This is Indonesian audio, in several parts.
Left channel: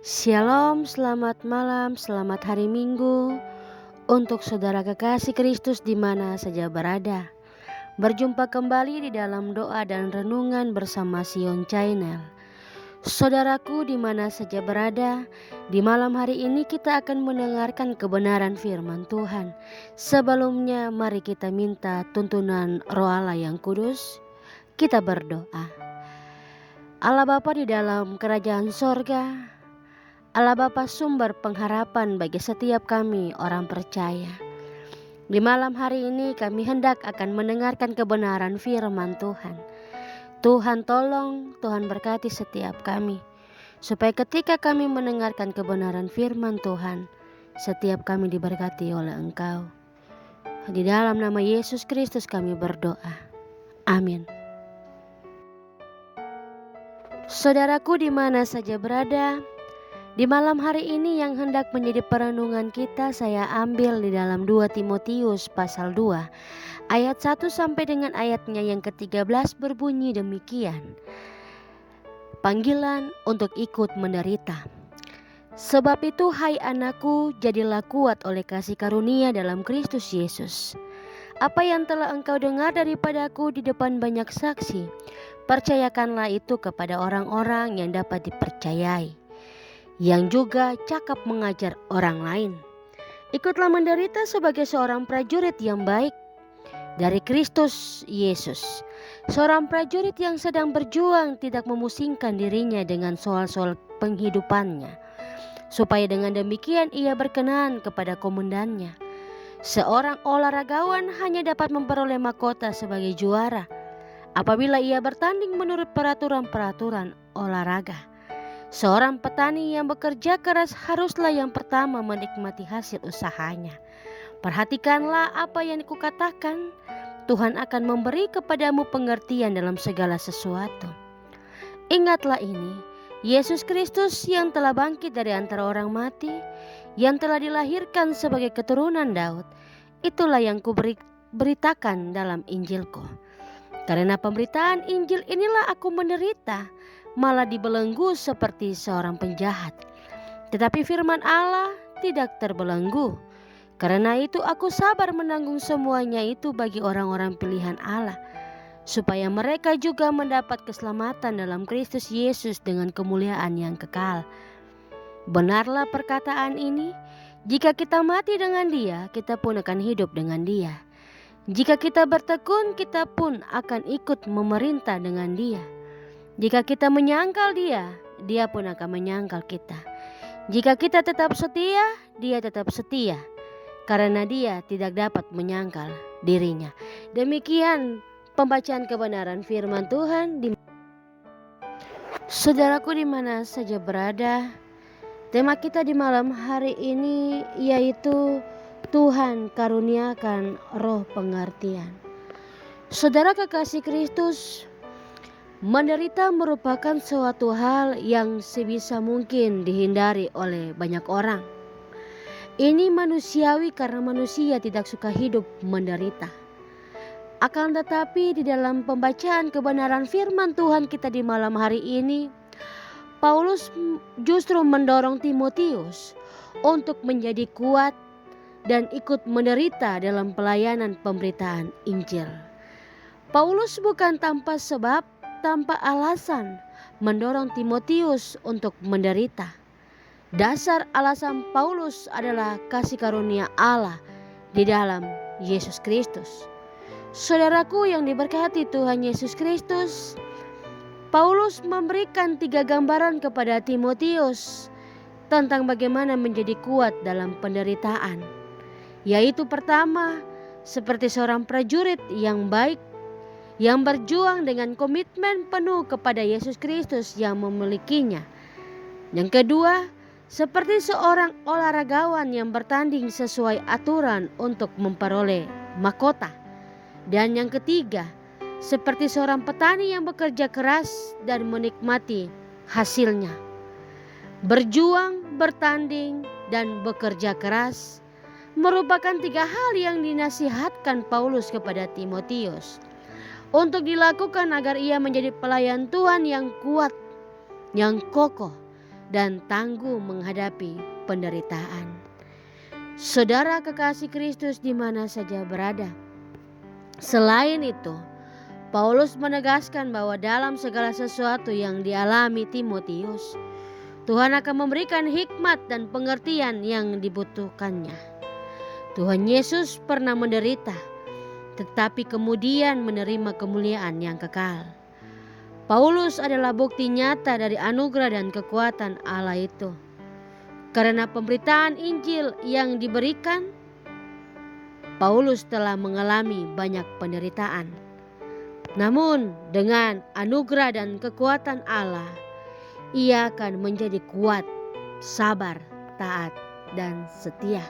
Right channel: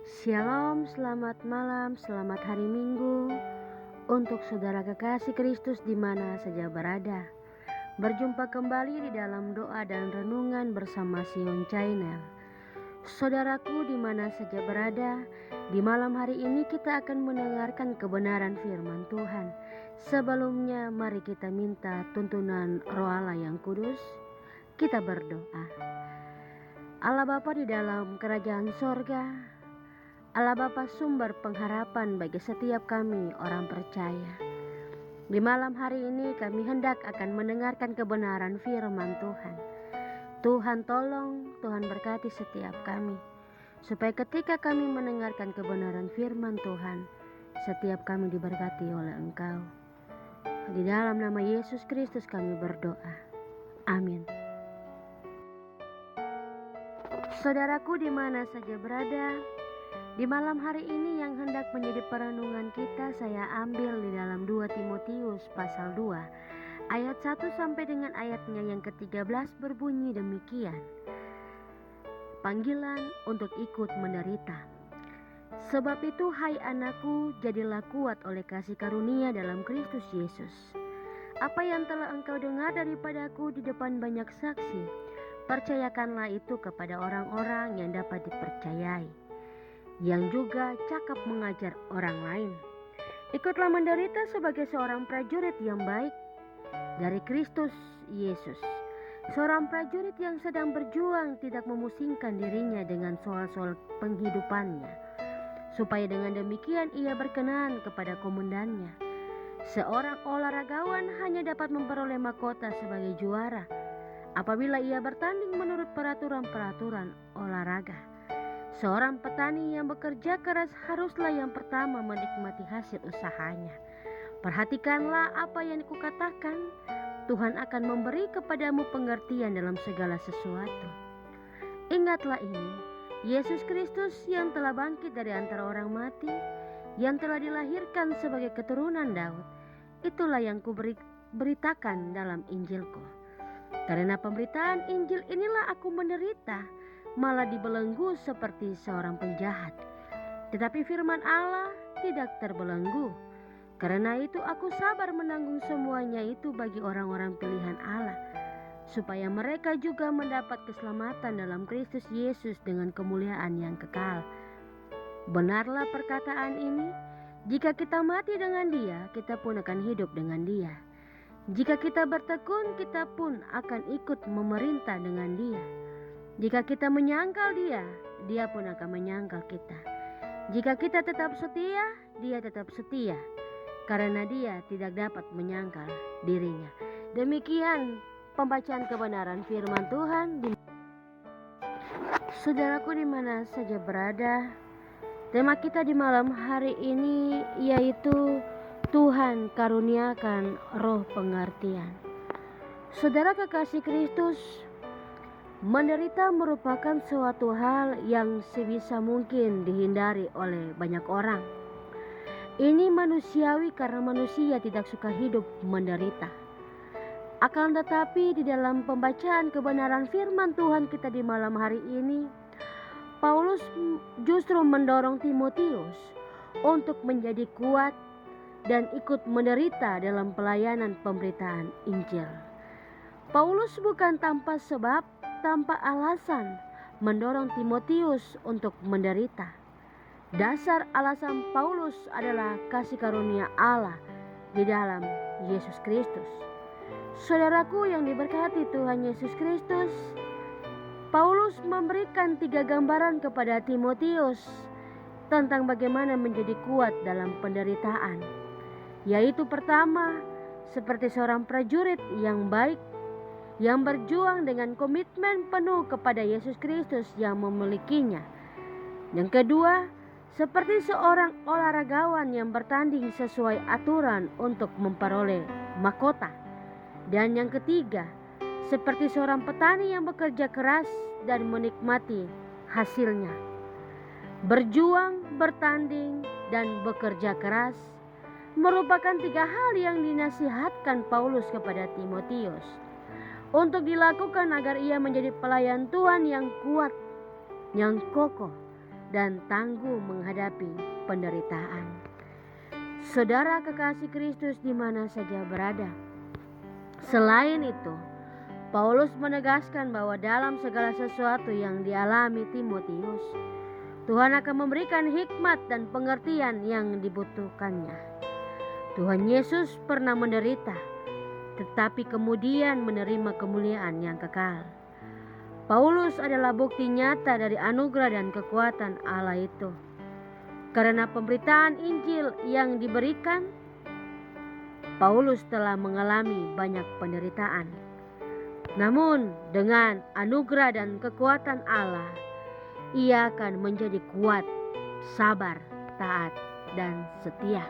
Shalom, selamat malam, selamat hari Minggu untuk saudara kekasih Kristus di mana saja berada. Berjumpa kembali di dalam doa dan renungan bersama Sion Channel. Saudaraku di mana saja berada, di malam hari ini kita akan mendengarkan kebenaran firman Tuhan. Sebelumnya mari kita minta tuntunan Roh Allah yang kudus. Kita berdoa. Allah Bapa di dalam kerajaan sorga, Allah Bapa sumber pengharapan bagi setiap kami orang percaya. Di malam hari ini kami hendak akan mendengarkan kebenaran firman Tuhan. Tuhan tolong, Tuhan berkati setiap kami, supaya ketika kami mendengarkan kebenaran firman Tuhan, setiap kami diberkati oleh Engkau. Di dalam nama Yesus Kristus kami berdoa. Amin. Saudaraku di mana saja berada, di malam hari ini yang hendak menjadi perenungan kita saya ambil di dalam 2 Timotius pasal 2 ayat 1 sampai dengan ayatnya yang ke-13 berbunyi demikian. Panggilan untuk ikut menderita. Sebab itu hai anakku, jadilah kuat oleh kasih karunia dalam Kristus Yesus. Apa yang telah engkau dengar daripadaku di depan banyak saksi, percayakanlah itu kepada orang-orang yang dapat dipercayai, yang juga cakap mengajar orang lain. Ikutlah menderita sebagai seorang prajurit yang baik dari Kristus Yesus. Seorang prajurit yang sedang berjuang tidak memusingkan dirinya dengan soal-soal penghidupannya, supaya dengan demikian ia berkenan kepada komandannya. Seorang olahragawan hanya dapat memperoleh mahkota sebagai juara apabila ia bertanding menurut peraturan-peraturan olahraga. Seorang petani yang bekerja keras haruslah yang pertama menikmati hasil usahanya. Perhatikanlah apa yang kukatakan, Tuhan akan memberi kepadamu pengertian dalam segala sesuatu. Ingatlah ini, Yesus Kristus yang telah bangkit dari antara orang mati, yang telah dilahirkan sebagai keturunan Daud, itulah yang kuberitakan dalam Injilku. Karena pemberitaan Injil inilah aku menderita, malah dibelenggu seperti seorang penjahat. Tetapi firman Allah tidak terbelenggu. Karena itu aku sabar menanggung semuanya itu bagi orang-orang pilihan Allah, supaya mereka juga mendapat keselamatan dalam Kristus Yesus dengan kemuliaan yang kekal. Benarlah perkataan ini, jika kita mati dengan Dia, kita pun akan hidup dengan Dia. Jika kita bertekun, kita pun akan ikut memerintah dengan Dia. Jika kita menyangkal Dia, Dia pun akan menyangkal kita. Jika kita tetap setia, Dia tetap setia, karena Dia tidak dapat menyangkal dirinya. Demikian pembacaan kebenaran firman Tuhan. Saudaraku di mana saja berada, tema kita di malam hari ini yaitu Tuhan karuniakan roh pengertian. Saudara kekasih Kristus, menderita merupakan suatu hal yang sebisa mungkin dihindari oleh banyak orang. Ini manusiawi karena manusia tidak suka hidup menderita. Akan tetapi di dalam pembacaan kebenaran firman Tuhan kita di malam hari ini, Paulus justru mendorong Timotius untuk menjadi kuat dan ikut menderita dalam pelayanan pemberitaan Injil. Paulus bukan tanpa sebab, tanpa alasan mendorong Timotius untuk menderita. Dasar alasan Paulus adalah kasih karunia Allah di dalam Yesus Kristus. Saudaraku yang diberkati Tuhan Yesus Kristus, Paulus memberikan 3 gambaran kepada Timotius tentang bagaimana menjadi kuat dalam penderitaan. Yaitu pertama, seperti seorang prajurit yang baik, yang berjuang dengan komitmen penuh kepada Yesus Kristus yang memilikinya. Yang kedua, seperti seorang olahragawan yang bertanding sesuai aturan untuk memperoleh mahkota. Dan yang ketiga, seperti seorang petani yang bekerja keras dan menikmati hasilnya. Berjuang, bertanding, dan bekerja keras merupakan 3 hal yang dinasihatkan Paulus kepada Timotius untuk dilakukan agar ia menjadi pelayan Tuhan yang kuat, yang kokoh, dan tangguh menghadapi penderitaan. Saudara kekasih Kristus di mana saja berada. Selain itu, Paulus menegaskan bahwa dalam segala sesuatu yang dialami Timotius, Tuhan akan memberikan hikmat dan pengertian yang dibutuhkannya. Tuhan Yesus pernah menderita, tetapi kemudian menerima kemuliaan yang kekal. Paulus adalah bukti nyata dari anugerah dan kekuatan Allah itu. Karena pemberitaan Injil yang diberikan, Paulus telah mengalami banyak penderitaan. Namun dengan anugerah dan kekuatan Allah, ia akan menjadi kuat, sabar, taat, dan setia.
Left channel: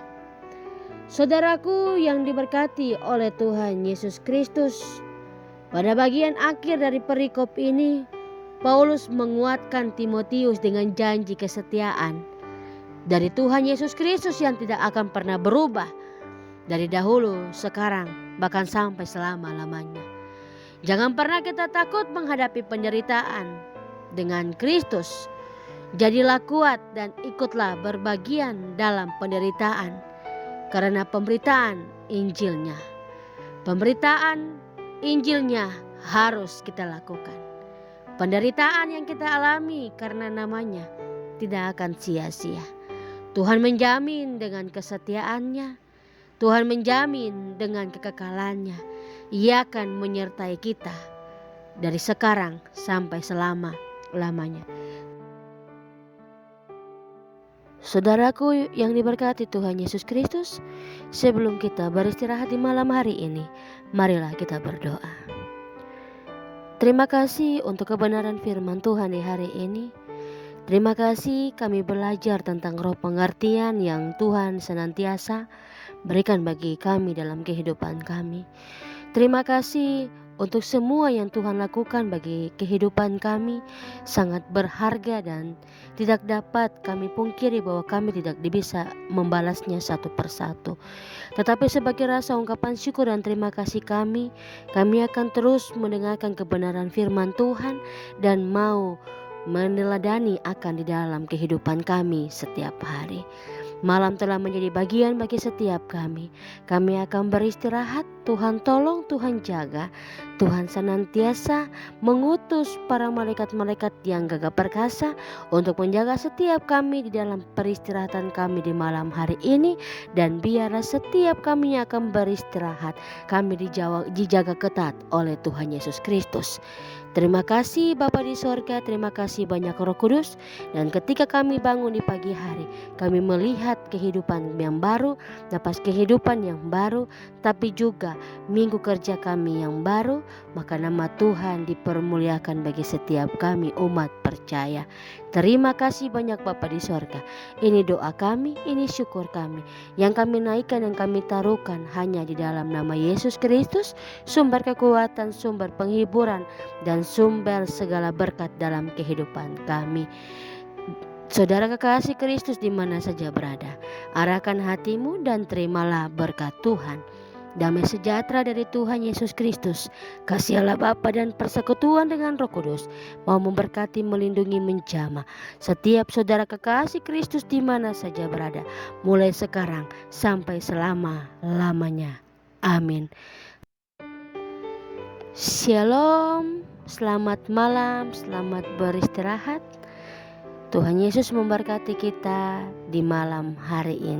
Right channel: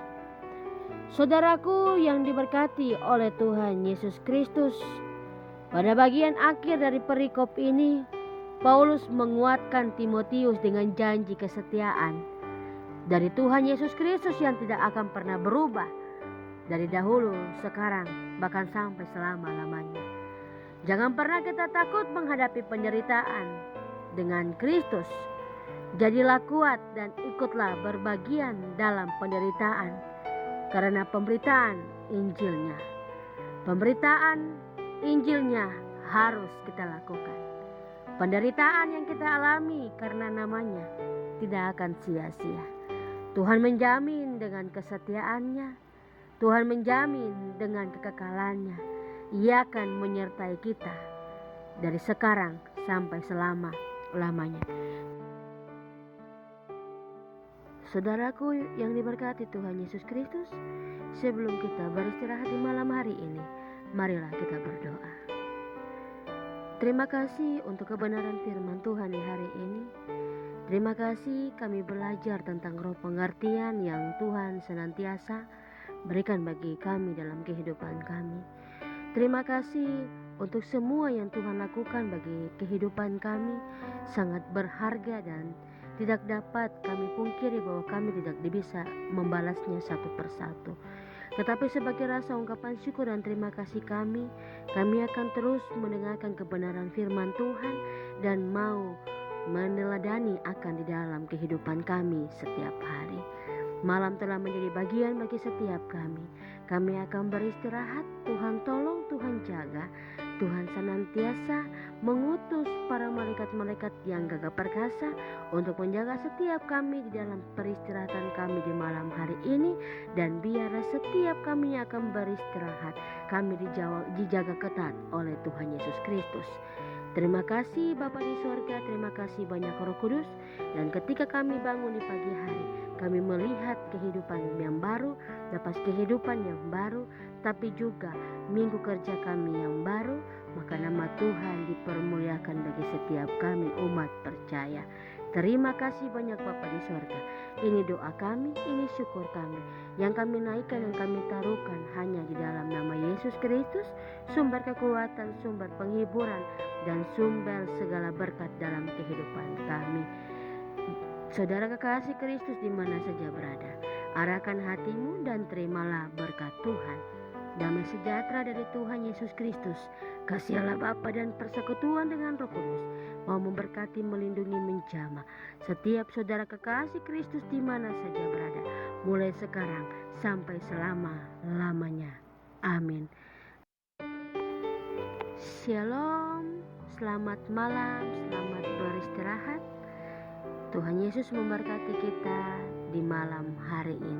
Saudaraku yang diberkati oleh Tuhan Yesus Kristus, pada bagian akhir dari perikop ini, Paulus menguatkan Timotius dengan janji kesetiaan dari Tuhan Yesus Kristus yang tidak akan pernah berubah dari dahulu, sekarang, bahkan sampai selama-lamanya. Jangan pernah kita takut menghadapi penderitaan. Dengan Kristus, jadilah kuat dan ikutlah berbagian dalam penderitaan karena pemberitaan Injilnya. Pemberitaan Injilnya harus kita lakukan. Penderitaan yang kita alami karena namanya tidak akan sia-sia. Tuhan menjamin dengan kesetiaannya. Tuhan menjamin dengan kekekalannya. Ia akan menyertai kita dari sekarang sampai selama-lamanya. Saudaraku yang diberkati Tuhan Yesus Kristus, sebelum kita beristirahat di malam hari ini, marilah kita berdoa. Terima kasih untuk kebenaran firman Tuhan di hari ini. Terima kasih kami belajar tentang roh pengertian yang Tuhan senantiasa berikan bagi kami dalam kehidupan kami. Terima kasih untuk semua yang Tuhan lakukan bagi kehidupan kami, sangat berharga dan tidak dapat kami pungkiri bahwa kami tidak bisa membalasnya satu persatu. Tetapi sebagai rasa ungkapan syukur dan terima kasih kami akan terus mendengarkan kebenaran firman Tuhan dan mau meneladani akan di dalam kehidupan kami setiap hari. Malam telah menjadi bagian bagi setiap kami. Kami akan beristirahat. Tuhan tolong, Tuhan jaga. Tuhan senantiasa mengutus para malaikat-malaikat yang gagah perkasa untuk menjaga setiap kami di dalam peristirahatan kami di malam hari ini. Dan biarlah setiap kami yang akan beristirahat, kami dijaga ketat oleh Tuhan Yesus Kristus. Terima kasih Bapa di sorga, terima kasih banyak Roh Kudus. Dan ketika kami bangun di pagi hari, kami melihat kehidupan yang baru, napas kehidupan yang baru, tapi juga minggu kerja kami yang baru, maka nama Tuhan dipermuliakan bagi setiap kami umat percaya. Terima kasih banyak Bapa di sorga. Ini doa kami, ini syukur kami, yang kami naikkan dan kami taruhkan hanya di dalam nama Yesus Kristus, sumber kekuatan, sumber penghiburan, dan sumber segala berkat dalam kehidupan kami. Saudara kekasih Kristus di mana saja berada, arahkan hatimu dan terimalah berkat Tuhan. Damai sejahtera dari Tuhan Yesus Kristus, kasih Allah Bapa dan persekutuan dengan Roh Kudus mau memberkati, melindungi, menjamah setiap saudara kekasih Kristus di mana saja berada, mulai sekarang sampai selama-lamanya. Amin. Shalom, selamat malam, selamat beristirahat. Tuhan Yesus memberkati kita di malam hari ini.